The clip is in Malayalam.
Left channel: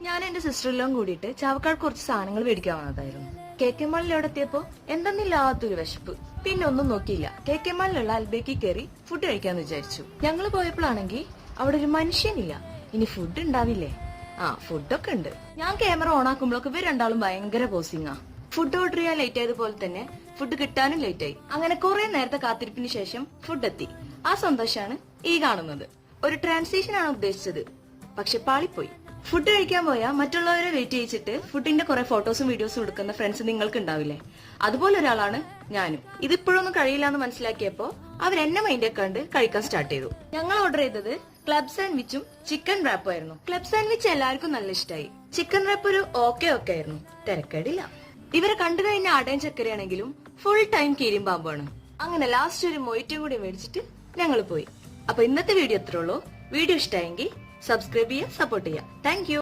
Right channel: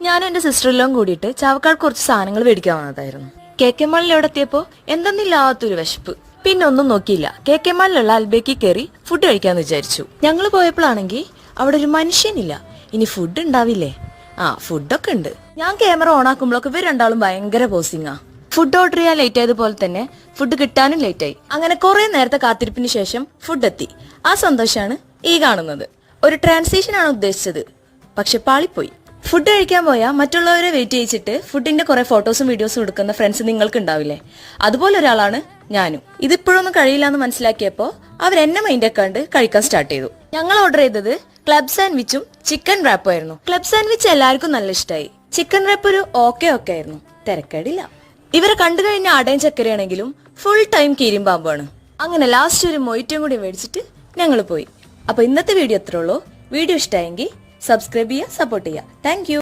ഞാൻ എന്റെ സിസ്റ്ററിലും കൂടിയിട്ട് ചാവക്കാട് കുറച്ച് സാധനങ്ങൾ മേടിക്കാൻ വന്നതായിരുന്നു. KK മാളിൽ എവിടെ എത്തിയപ്പോ എന്തെന്നില്ലാത്തൊരു വിശപ്പ്. പിന്നെ ഒന്നും നോക്കിയില്ല, KK മാളിലുള്ള അൽബേക്ക് കയറി ഫുഡ് കഴിക്കാന്ന് വിചാരിച്ചു. ഞങ്ങൾ പോയപ്പോഴാണെങ്കിൽ അവിടെ ഒരു മനുഷ്യനില്ല. ഇനി ഫുഡ് ഉണ്ടാവില്ലേ? ഫുഡൊക്കെ ഉണ്ട്. ഞാൻ ക്യാമറ ഓൺ ആക്കുമ്പോഴൊക്കെ ഇവർ രണ്ടാളും ഭയങ്കര പോസിങ്ങാ. ഫുഡ് ഓർഡർ ചെയ്യാൻ ലേറ്റ് ആയതുപോലെ തന്നെ ഫുഡ് കിട്ടാനും ലേറ്റ് ആയി. അങ്ങനെ കുറെ നേരത്തെ കാത്തിരിപ്പിന് ശേഷം ഫുഡ് എത്തി. ആ സന്തോഷാണ് ഈ കാണുന്നത്. ഒരു ട്രാൻസിഷൻ ആണ് ഉദ്ദേശിച്ചത്, പക്ഷെ പാളിപ്പോയി. ഫുഡ് കഴിക്കാൻ പോയാൽ മറ്റുള്ളവരെ വെയിറ്റ് ചെയ്യിച്ചിട്ട് ഫുഡിന്റെ കുറെ ഫോട്ടോസും വീഡിയോസും എടുക്കുന്ന ഫ്രണ്ട്സ് നിങ്ങൾക്ക് ഉണ്ടാവില്ലേ? അതുപോലെ ഒരാളാണ് ഞാനും. ഇതിപ്പോഴൊന്നും കഴിയില്ല എന്ന് മനസ്സിലാക്കിയപ്പോ അവരെന്നെ മൈൻഡ് ആക്കാണ്ട് കഴിക്കാൻ സ്റ്റാർട്ട് ചെയ്തു. ഞങ്ങൾ ഓർഡർ ചെയ്തത് ക്ലബ് സാൻഡ്വിച്ചും ചിക്കൻ റാപ്പും ആയിരുന്നു. ക്ലബ് സാൻഡ്വിച്ച് എല്ലാവർക്കും നല്ല ഇഷ്ടമായി. ചിക്കൻ റാപ്പ് ഒരു ഓക്കെ ആയിരുന്നു, തിരക്കേടില്ല. ഇവരെ കണ്ടു കഴിഞ്ഞ ആടയും ചക്കരയാണെങ്കിലും ഫുൾ ടൈം കീരിമ്പാമ്പാണ്. അങ്ങനെ ലാസ്റ്റ് ഒരു മൊയ്റ്റും കൂടി മേടിച്ചിട്ട് ഞങ്ങൾ പോയി. അപ്പൊ ഇന്നത്തെ വീഡിയോ എത്ര ഉള്ളൂ. വീഡിയോ ഇഷ്ടമായെങ്കിൽ സബ്സ്ക്രൈബ് ചെയ്യുക, സപ്പോർട്ട് ചെയ്യുക. Thank you.